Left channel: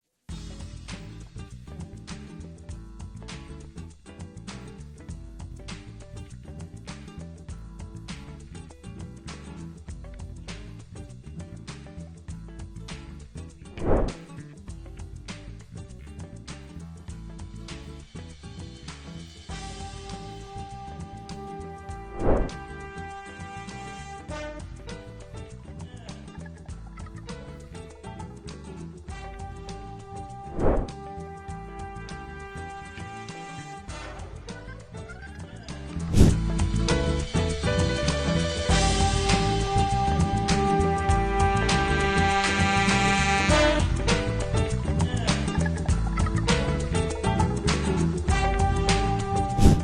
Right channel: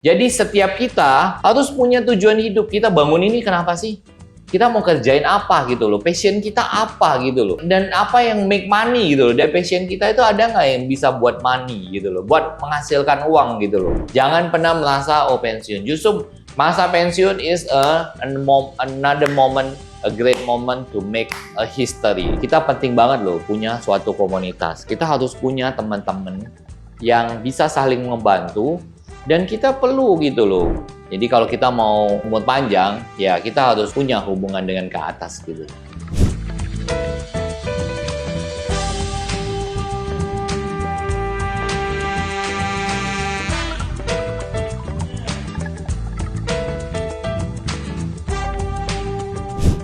Jadi setiap kita harus punya tujuan hidup. Kita bangun ini kenapa sih? Kita mau kerjain apa gitu loh, passion kita apa gitu loh, dan apa yang make money gitu loh. Dari passion kita itu ada nggak yang bisa buat money gitu loh, buat menghasilkan uang gitu loh. Jangan pernah merasa pensiun. Justru masa pensiun is another moment, a great moment to make a history. Kita penting banget loh punya suatu komunitas. Kita harus punya teman-teman yang bisa saling membantu. Dan kita perlu gitu loh. Jadi kalau kita mau umur panjang, ya kita harus punya hubungan dengan ke atas gitu.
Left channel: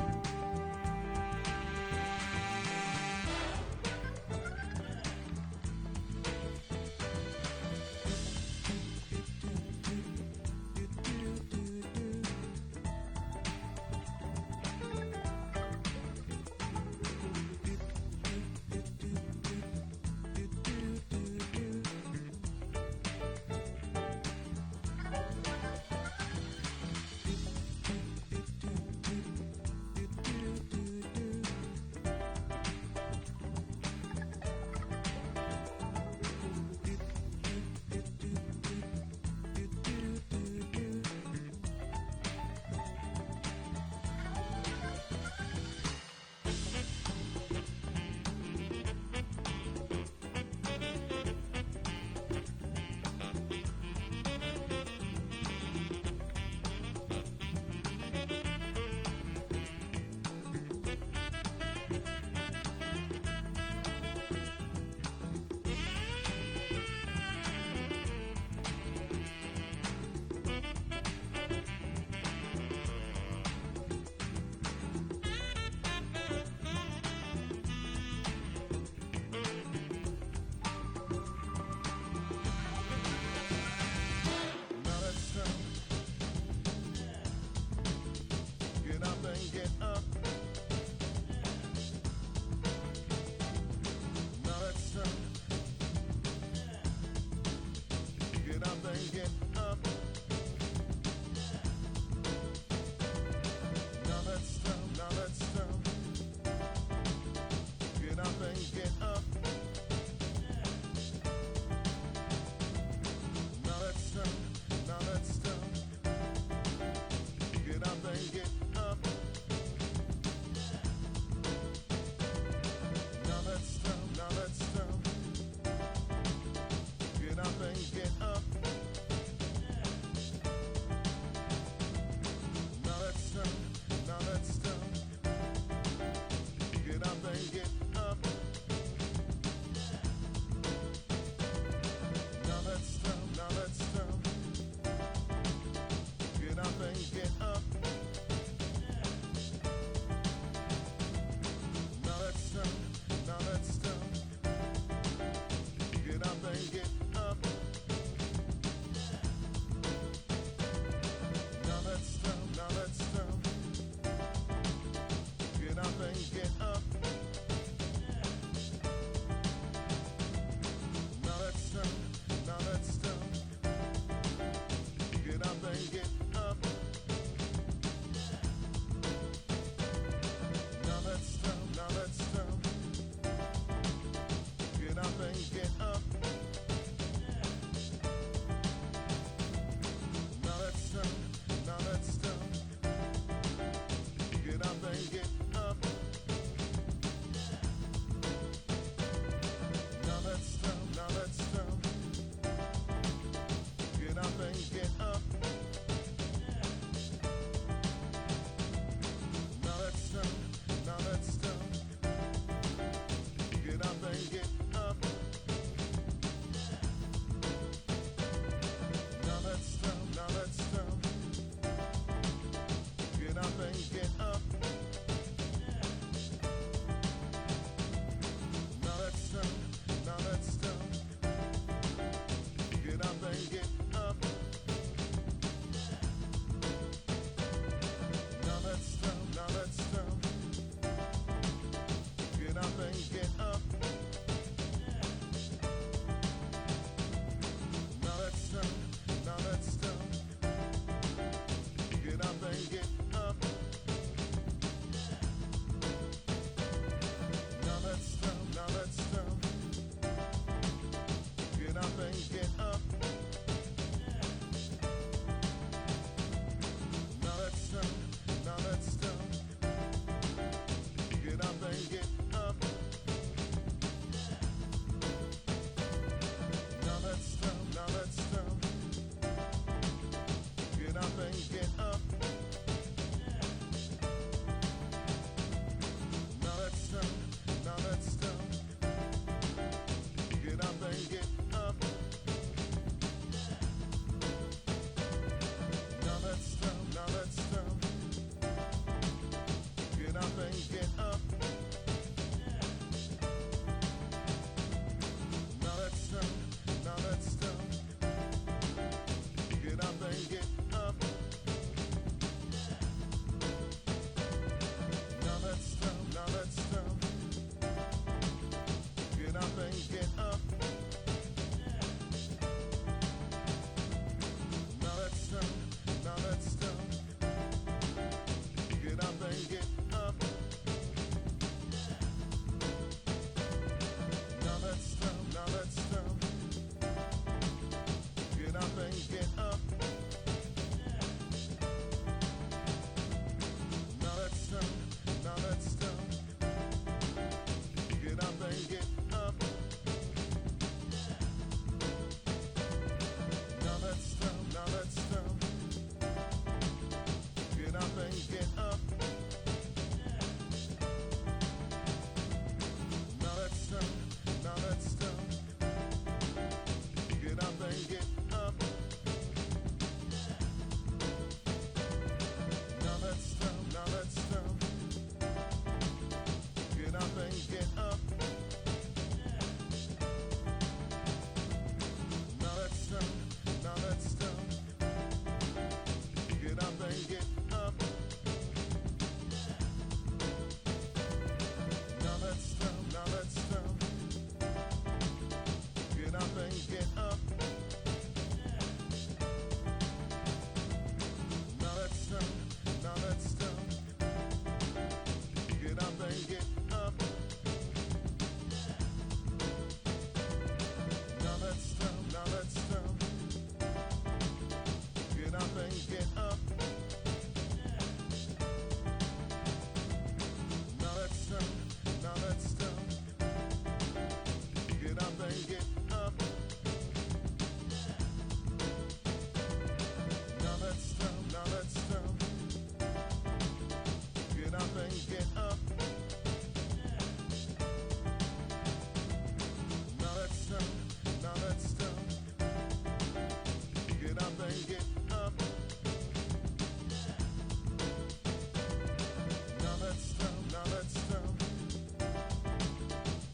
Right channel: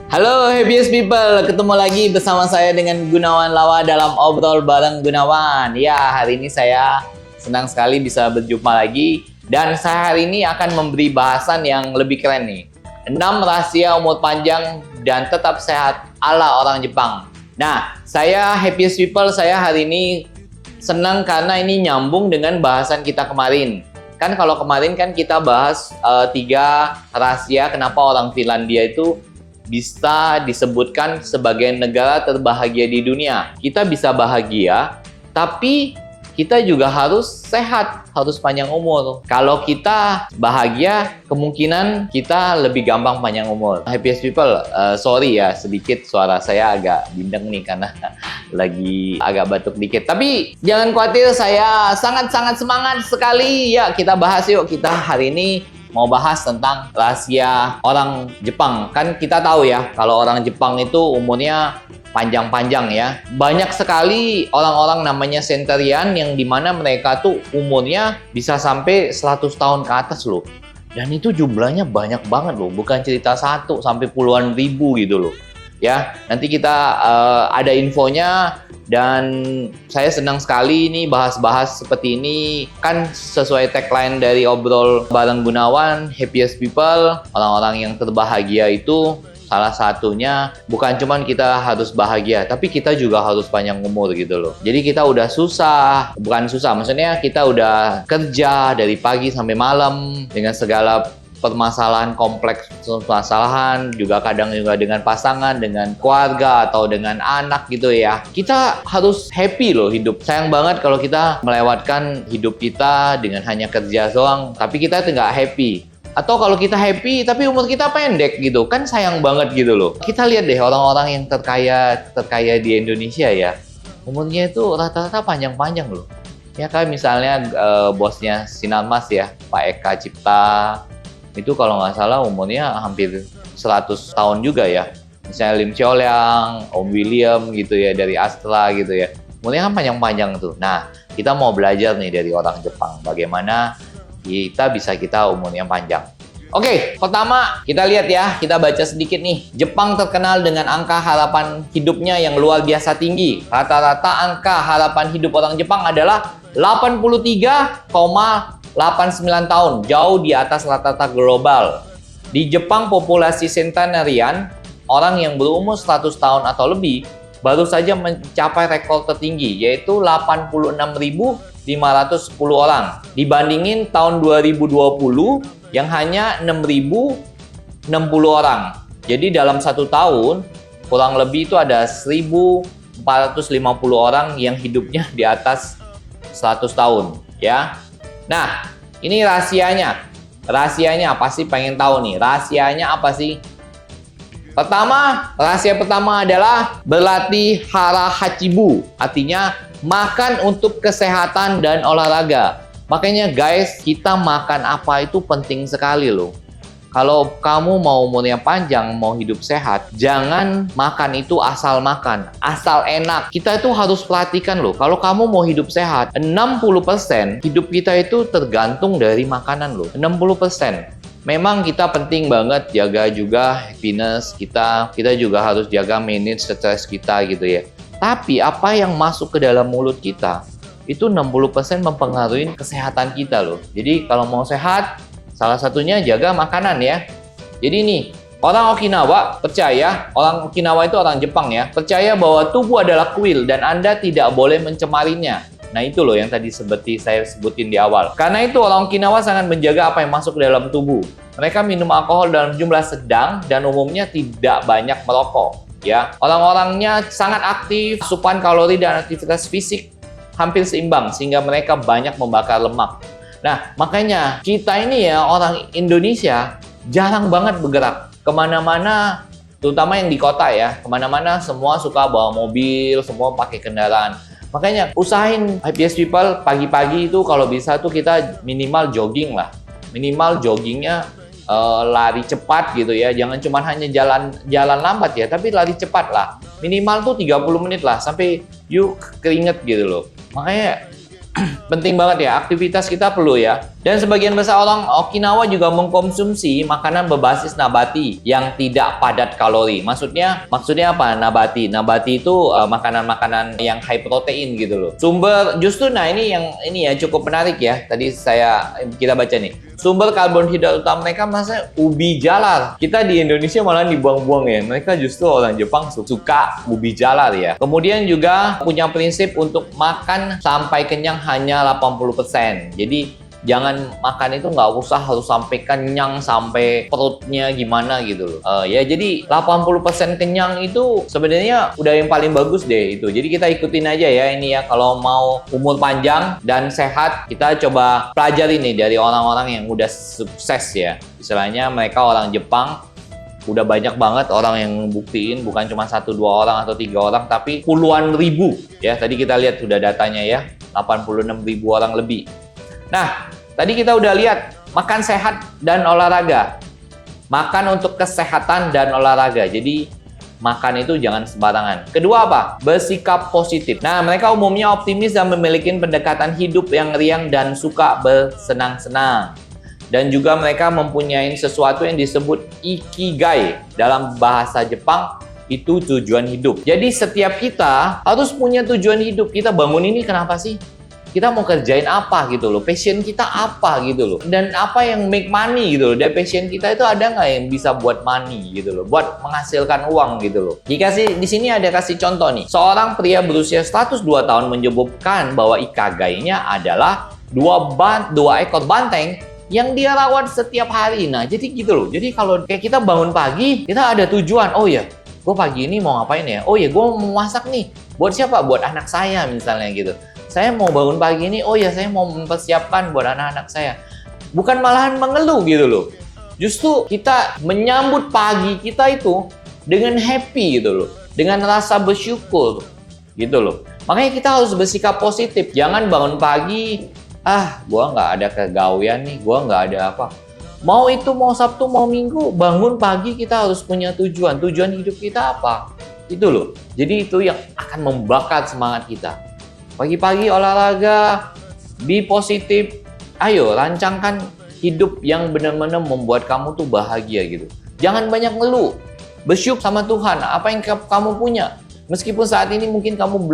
Halo Happiest People, ketemu lagi bersama saya dengan Gunawan Lawa dalam Obrol Bareng Gunawan. Ya, hari ini saya senang sekali bisa berjumpa lagi. Dan saya hari ini akan memberi bahasan yang lebih keren nih. 6 rahasia umur panjang dan tetap sehat ala orang Jepang. Nah, saya Happiest People, saya hari ini senang karena ini nyambung dengan bahasan kita kemarin. Kan kalau kemarin kan kita bahas 3 rahasia kenapa orang Finlandia itu bisa disebutkan sebagai negara terbahagia di dunia. Kita bisa bahagia, tapi kita juga harus sehat, harus panjang umur. Kalau kita bahagia, kemungkinan kita lebih gampang panjang umur. Happiest People, sorry ya, sedikit suara saya agak bindeng nih karena lagi agak batuk dikit. Tapi jangan khawatir, saya sangat-sangat semangat sekali. Ya, kita bahas yuk. Kita hari ini mau bahas tentang rahasia orang Jepang. Kan kita tahu ya, kalau orang Jepang itu umurnya panjang-panjang ya. Banyak sekali orang-orang namanya centurion yang dimana mereka tuh umurnya bisa sampai 100 tahun ke atas loh. Dan itu jumlahnya banyak banget loh, bukan cerita 1 sampai puluhan ribu gitu loh. Ya, nanti kita ada infonya dan saya senang sekali ini bahas-bahas seperti ini. Kan sesuai tagline dari Obrol Bareng Gunawan, Happiest People, orang-orang yang terbahagia itu salah satunya bukan cuman kita harus bahagia, tapi kita juga harus panjang umur gitu loh. Jadi kita udah susah, bukan susah, maksudnya kita udah kerja dari pagi sampai malam dengan segala permasalahan kompleks, permasalahan juga kadang juga dengan pasangan, dengan keluarga atau dengan anak gitu ya. Kita harus happy loh hidup. Sayang banget kalau kita melewatkan hidup kita dengan hanya kerja doang, tapi kita nggak happy. Atau kalau kita happy tapi umur kita pendek gitu, kan sayang banget gitu loh. Kita lihat deh orang-orang yang terkaya di Indonesia ya, umurnya itu rata-rata panjang-panjang loh. Ya kan misalnya bosnya Sinarmas ya, Pak Eka Cipta, itu kalau nggak salah umurnya hampir 100 tahun juga ya. Misalnya Lim Cholyang, Om William gitu ya, dari Astra gitu ya. Umurnya kan panjang-panjang tuh. Nah, kita mau belajar nih dari orang Jepang. Bagaimana kita umurnya panjang. Oke, pertama kita lihat ya, kita baca sedikit nih. Jepang terkenal dengan angka harapan hidupnya yang luar biasa tinggi. Rata-rata angka harapan hidup orang Jepang adalah 83,89 tahun, jauh di atas rata-rata global. Di Jepang, populasi centenarian, orang yang berumur 100 tahun atau lebih, baru saja mencapai rekor tertinggi, yaitu 86.510 orang. Dibandingin tahun 2020 yang hanya 6.060 orang. Jadi dalam 1 tahun, kurang lebih itu ada 1.450 orang yang hidupnya di atas 100 tahun. Ya. Nah, ini rahasianya. Rahasianya apa sih? Pengen tahu nih. Rahasianya apa sih? Rahasia pertama adalah berlatih hara hachibu. Artinya makan untuk kesehatan dan olahraga. Makanya guys, kita makan apa itu penting sekali loh. Kalau kamu mau umurnya panjang, mau hidup sehat, jangan makan itu asal makan, asal enak. Kita itu harus perhatikan loh, kalau kamu mau hidup sehat, 60% hidup kita itu tergantung dari makanan loh, 60%. Memang kita penting banget jaga juga happiness kita juga harus jaga manage stres kita gitu ya. Tapi apa yang masuk ke dalam mulut kita, itu 60% mempengaruhi kesehatan kita loh. Jadi kalau mau sehat, salah satunya jaga makanan ya. Jadi nih, orang Okinawa percaya, orang Okinawa itu orang Jepang ya, percaya bahwa tubuh adalah kuil dan Anda tidak boleh mencemarinya. Nah itu loh yang tadi seperti saya sebutin di awal. Karena itu orang Okinawa sangat menjaga apa yang masuk ke dalam tubuh. Mereka minum alkohol dalam jumlah sedang dan umumnya tidak banyak merokok. Ya, orang-orangnya sangat aktif, asupan kalori dan aktivitas fisik hampir seimbang sehingga mereka banyak membakar lemak. Nah, makanya kita ini ya orang Indonesia jarang banget bergerak kemana-mana, terutama yang di kota ya, kemana-mana semua suka bawa mobil, semua pakai kendaraan. Makanya usahain HPS People pagi-pagi itu kalau bisa tuh kita minimal jogging lah, minimal joggingnya lari cepat gitu ya, jangan cuma hanya jalan lambat ya, tapi lari cepat lah, minimal tuh 30 menit lah sampai yuk keringet gitu loh. Makanya penting banget ya, aktivitas kita perlu ya. Dan sebagian besar orang Okinawa juga mengkonsumsi makanan berbasis nabati yang tidak padat kalori. Maksudnya apa nabati? Nabati itu makanan-makanan yang high protein gitu loh. Sumber justru ini ya cukup menarik ya. Tadi kita baca nih. Sumber karbohidrat utama mereka maksudnya ubi jalar. Kita di Indonesia malah dibuang-buang ya. Mereka justru orang Jepang suka ubi jalar ya. Kemudian juga punya prinsip untuk makan sampai kenyang hanya 80%. Jadi jangan makan itu nggak usah harus sampai kenyang sampai perutnya gimana gitu loh. Ya jadi 80% kenyang itu sebenarnya udah yang paling bagus deh itu. Jadi kita ikutin aja ya ini ya, kalau mau umur panjang dan sehat kita coba pelajari nih dari orang-orang yang udah sukses ya. Istilahnya mereka orang Jepang udah banyak banget orang yang buktiin, bukan cuma 1-2 orang atau 3 orang, tapi puluhan ribu ya. Tadi kita lihat sudah datanya ya, 86.000 orang lebih. Nah, tadi kita udah lihat makan sehat dan olahraga. Makan untuk kesehatan dan olahraga. Jadi makan itu jangan sembarangan. Kedua apa? Bersikap positif. Nah, mereka umumnya optimis dan memiliki pendekatan hidup yang riang dan suka bersenang-senang. Dan juga mereka mempunyai sesuatu yang disebut ikigai. Dalam bahasa Jepang, itu tujuan hidup. Jadi setiap kita harus punya tujuan hidup. Kita bangun ini kenapa sih? Kita mau kerjain apa gitu loh? Passion kita apa gitu loh? Dan apa yang make money gitu loh? Dari passion kita itu ada nggak yang bisa buat money gitu loh? Buat menghasilkan uang gitu loh. Jika sih di sini ada kasih contoh nih. Seorang pria berusia 102 tahun menyebutkan bahwa ikagainya adalah dua ekor banteng yang dia rawat setiap hari. Nah, jadi gitu loh. Jadi kalau kayak kita bangun pagi, kita ada tujuan. Oh ya, gue pagi ini mau ngapain ya? Oh ya, gue mau masak nih. Buat siapa? Buat anak saya misalnya gitu. Saya mau bangun pagi ini, oh ya saya mau mempersiapkan buat anak-anak saya. Bukan malahan mengeluh gitu loh. Justru kita menyambut pagi kita itu dengan happy gitu loh. Dengan rasa bersyukur gitu loh. Makanya kita harus bersikap positif. Jangan bangun pagi, gua nggak ada kegawean nih, gua nggak ada apa. Mau itu mau Sabtu mau Minggu, bangun pagi kita harus punya tujuan. Tujuan hidup kita apa? Itu loh. Jadi itu yang akan membakar semangat kita. Pagi-pagi olahraga, be positif. Ayo rancangkan hidup yang benar-benar membuat kamu tuh bahagia gitu. Jangan banyak ngeluh. Bersyukur sama Tuhan apa yang kamu punya. Meskipun saat ini mungkin kamu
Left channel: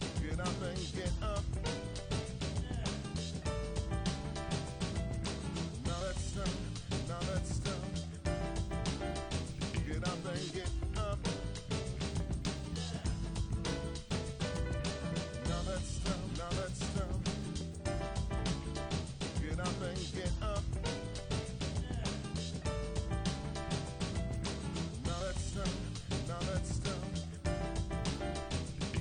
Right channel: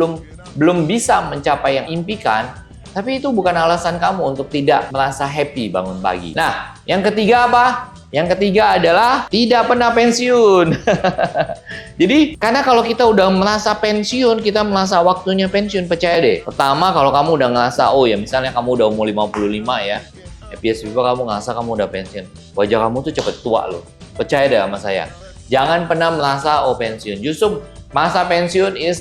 belum bisa mencapai yang impikan, tapi itu bukan alasan kamu untuk tidak merasa happy bangun pagi. Nah, yang ketiga apa? Yang ketiga adalah tidak pernah pensiun. Jadi, karena kalau kita udah merasa pensiun, kita merasa waktunya pensiun, percaya deh. Pertama, kalau kamu udah ngerasa, oh ya misalnya kamu udah umur 55 ya, biasa kamu ngerasa kamu udah pensiun. Wajah kamu tuh cepet tua loh. Percaya deh sama saya. Jangan pernah merasa, oh pensiun. Justru masa pensiun is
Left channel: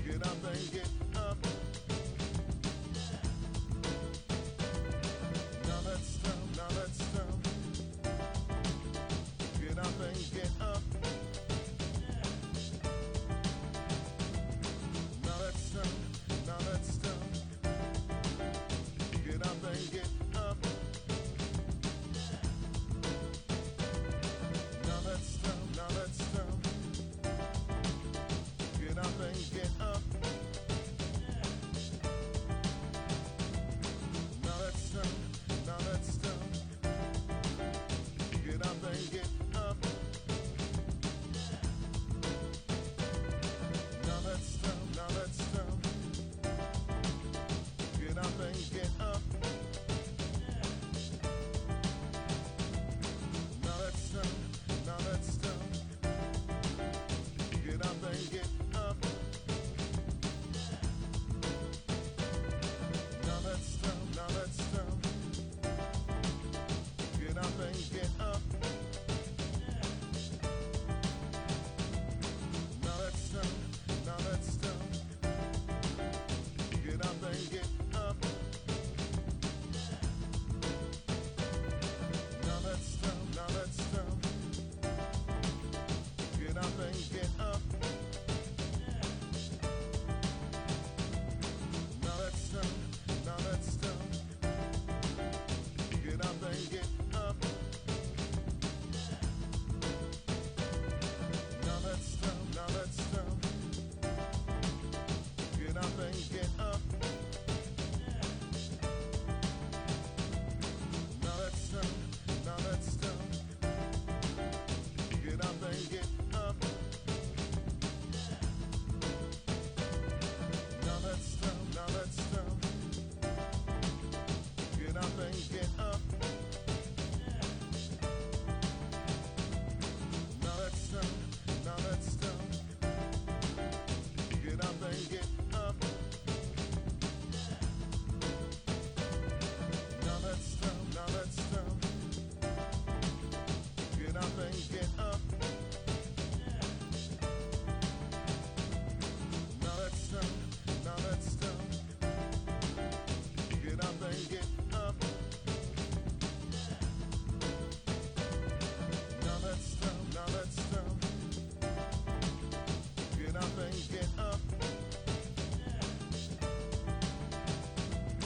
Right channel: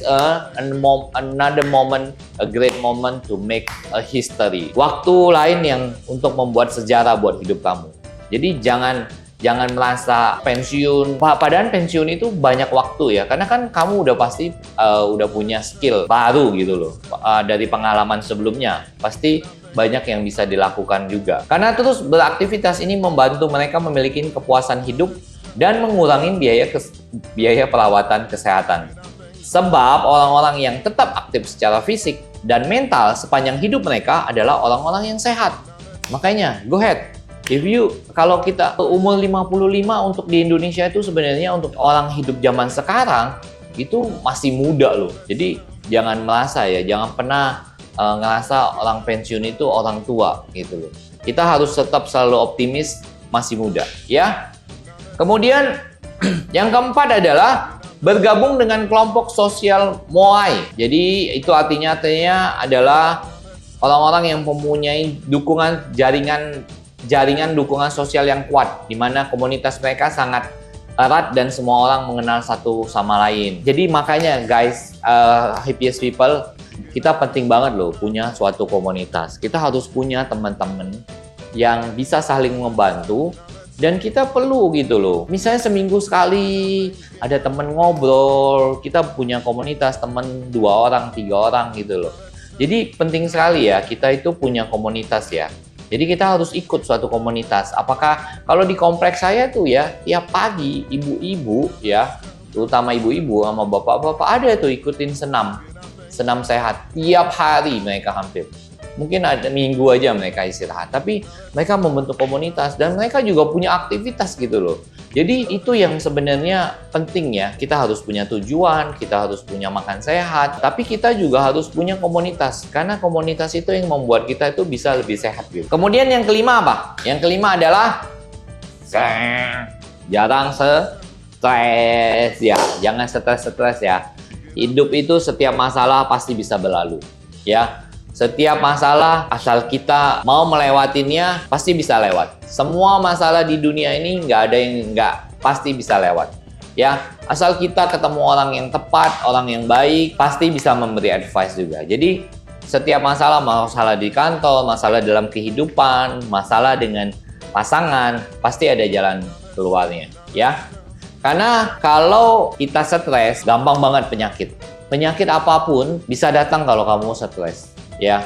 another moment, a great moment to make a history. Waktu lain yang untuk membuat sejarah buat hidup kamu. Jadi jangan merasa pensiun. Padahal pensiun itu banyak waktu ya. Karena kan kamu udah pasti udah punya skill baru gitu loh. Dari pengalaman sebelumnya. Pasti banyak yang bisa dilakukan juga. Karena terus beraktivitas ini membantu mereka memiliki kepuasan hidup dan mengurangi biaya perawatan kesehatan. Sebab orang-orang yang tetap aktif secara fisik dan mental sepanjang hidup mereka adalah orang-orang yang sehat. Makanya, go ahead. Kalau kita umur 55 untuk di Indonesia itu sebenarnya untuk orang hidup zaman sekarang itu masih muda loh. Jadi jangan merasa ya, jangan pernah ngerasa orang pensiun itu orang tua gitu loh. Kita harus tetap selalu optimis, masih muda ya. Kemudian yang keempat adalah bergabung dengan kelompok sosial Moai. Jadi itu artinya adalah orang-orang yang mempunyai jaringan dukungan sosial yang kuat, di mana komunitas mereka sangat erat dan semua orang mengenal satu sama lain. Jadi makanya guys, happiest people, kita penting banget loh punya suatu komunitas. Kita harus punya teman-teman yang bisa saling membantu, dan kita perlu gitu loh. Misalnya seminggu sekali ada teman ngobrol, kita punya komunitas teman 2 orang, 3 orang gitu loh. Jadi penting sekali ya kita itu punya komunitas ya. Jadi kita harus ikut suatu komunitas. Apakah kalau di kompleks saya tuh ya, tiap pagi ibu-ibu ya, terutama ibu-ibu sama bapak-bapak ada tuh ikutin senam sehat. Tiap hari mereka hampir. Mungkin ada minggu aja mereka istirahat, tapi mereka membentuk komunitas dan mereka juga punya aktivitas gitu loh. Jadi itu yang sebenarnya penting ya, kita harus punya tujuan, kita harus punya makan sehat, tapi kita juga harus punya komunitas, karena komunitas itu yang membuat kita itu bisa lebih sehat gitu. Kemudian yang kelima apa? Yang kelima adalah jarang stres ya, jangan stres ya. Hidup itu setiap masalah pasti bisa berlalu ya. Setiap masalah, asal kita mau melewatinya, pasti bisa lewat. Semua masalah di dunia ini nggak ada yang nggak pasti bisa lewat. Ya, asal kita ketemu orang yang tepat, orang yang baik, pasti bisa memberi advice juga. Jadi, setiap masalah di kantor, masalah dalam kehidupan, masalah dengan pasangan, pasti ada jalan keluarnya. Ya, karena kalau kita stres, gampang banget penyakit. Penyakit apapun bisa datang kalau kamu stres. Ya,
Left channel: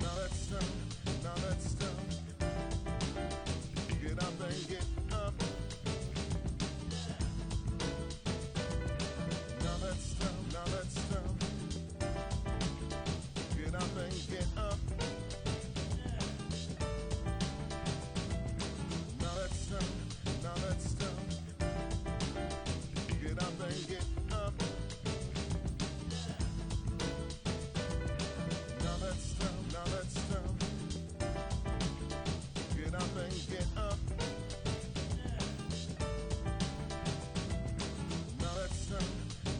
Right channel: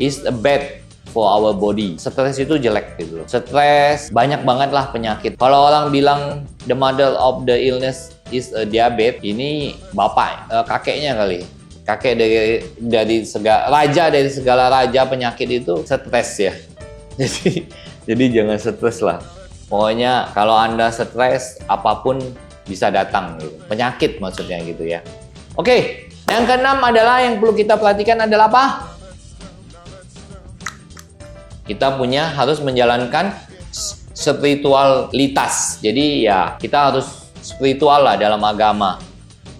is bad for our body. Stres itu jelek gitu. Stres banyak banget lah penyakit. Kalau orang bilang the mother of the illness is a diabetes, ini bapak, kakeknya kali. Kakek dari segala raja penyakit itu stres ya. Jadi jangan stres lah. Pokoknya kalau Anda stres, apapun bisa datang. Penyakit maksudnya gitu ya. Oke, yang keenam adalah yang perlu kita perhatikan adalah apa? Kita harus menjalankan spiritualitas. Jadi ya kita harus spiritual lah dalam agama.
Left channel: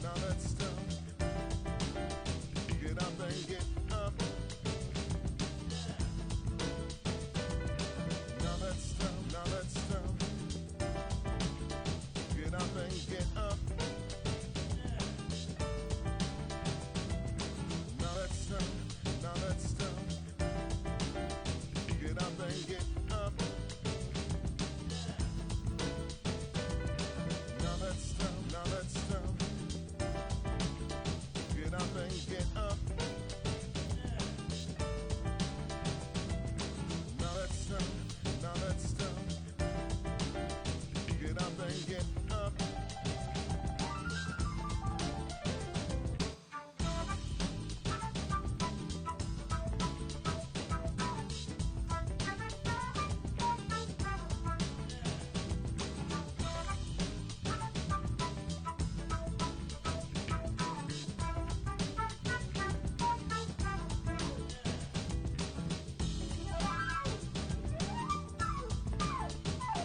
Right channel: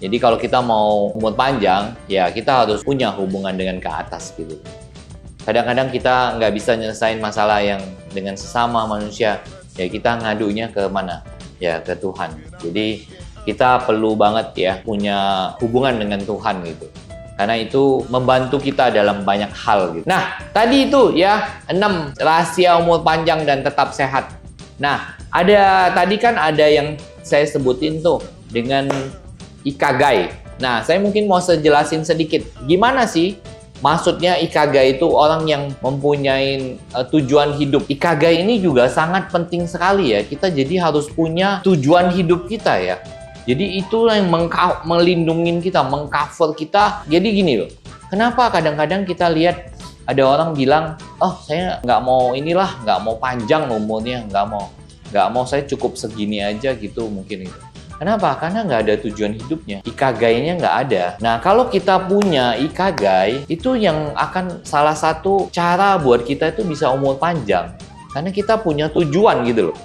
Jadi kalau kita mau umur panjang, ya kita harus punya hubungan dengan ke atas gitu. Kadang-kadang kita nggak bisa nyelesain masalah yang dengan sesama manusia, ya kita ngadunya ke mana? Ya ke Tuhan. Jadi kita perlu banget ya punya hubungan dengan Tuhan gitu. Karena itu membantu kita dalam banyak hal gitu. Nah, tadi itu ya 6 rahasia umur panjang dan tetap sehat. Nah, tadi kan ada yang saya sebutin tuh dengan Ikigai. Nah, saya mungkin mau jelasin sedikit. Gimana sih maksudnya Ikigai itu orang yang mempunyai tujuan hidup. Ikigai ini juga sangat penting sekali ya. Kita jadi harus punya tujuan hidup kita ya. Jadi itu yang melindungi kita, mengcover kita. Jadi gini loh, kenapa kadang-kadang kita lihat ada orang bilang, oh saya nggak mau inilah, nggak mau panjang umurnya, nggak mau saya cukup segini aja gitu mungkin itu. Kenapa? Karena nggak ada tujuan hidupnya, Ikigai-nya nggak ada. Nah kalau kita punya Ikigai, itu yang akan salah satu cara buat kita itu bisa umur panjang. Karena kita punya tujuan gitu loh.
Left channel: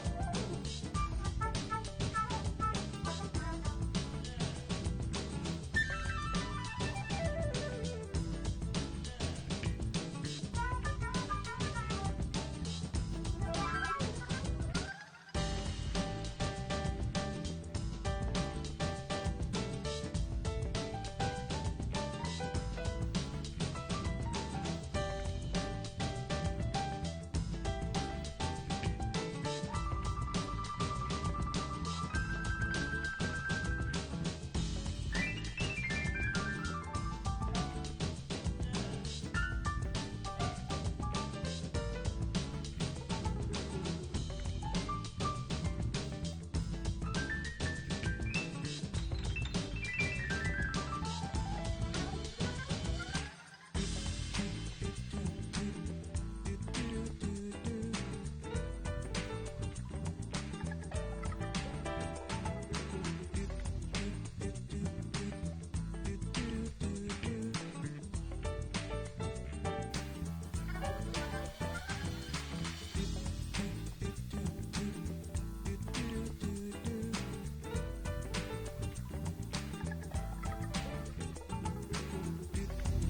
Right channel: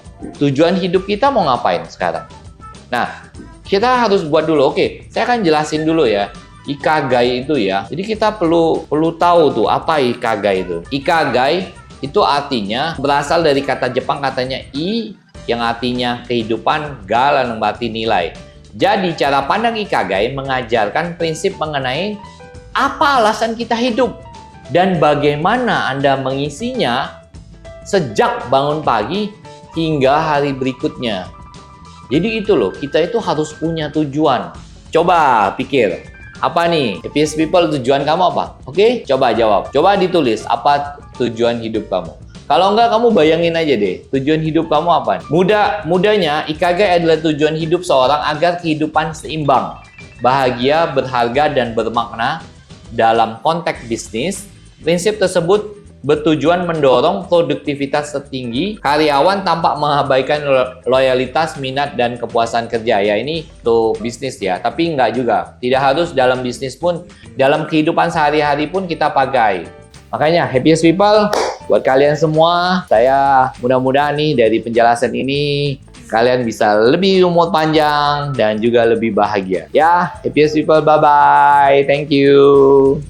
Tujuan hidup kita mau ngapain sekarang? Nah, kita harus buat dulu. Oke, saya akan jelasin dulu ya. Ikigai itu ya. Jadi kita perlu tahu tuh apa Ikigai itu. Ikigai itu artinya berasal dari kata Jepang katanya yang artinya kehidupan, ga yang berarti nilai. Jadi cara pandang Ikigai mengajarkan prinsip mengenai apa alasan kita hidup dan bagaimana Anda mengisinya sejak bangun pagi hingga hari berikutnya. Jadi itu loh, kita itu harus punya tujuan. Coba pikir, apa nih? Happiest people, tujuan kamu apa? Oke, coba jawab. Coba ditulis, apa tujuan hidup kamu? Kalau enggak, kamu bayangin aja deh, tujuan hidup kamu apa? Mudahnya, Ikigai adalah tujuan hidup seorang agar kehidupan seimbang, bahagia, berharga, dan bermakna. Dalam konteks bisnis, prinsip tersebut bertujuan mendorong produktivitas tertinggi, karyawan tanpa mengabaikan loyalitas, minat, dan kepuasan kerja. Ya ini tuh bisnis ya, tapi enggak juga. Tidak harus dalam bisnis pun, dalam kehidupan sehari-hari pun kita pakai. Makanya happiest people, buat kalian semua, saya mudah-mudahan nih dari penjelasan ini, kalian bisa lebih umur panjang dan juga lebih bahagia. Ya, happiest people, bye-bye. Thank you.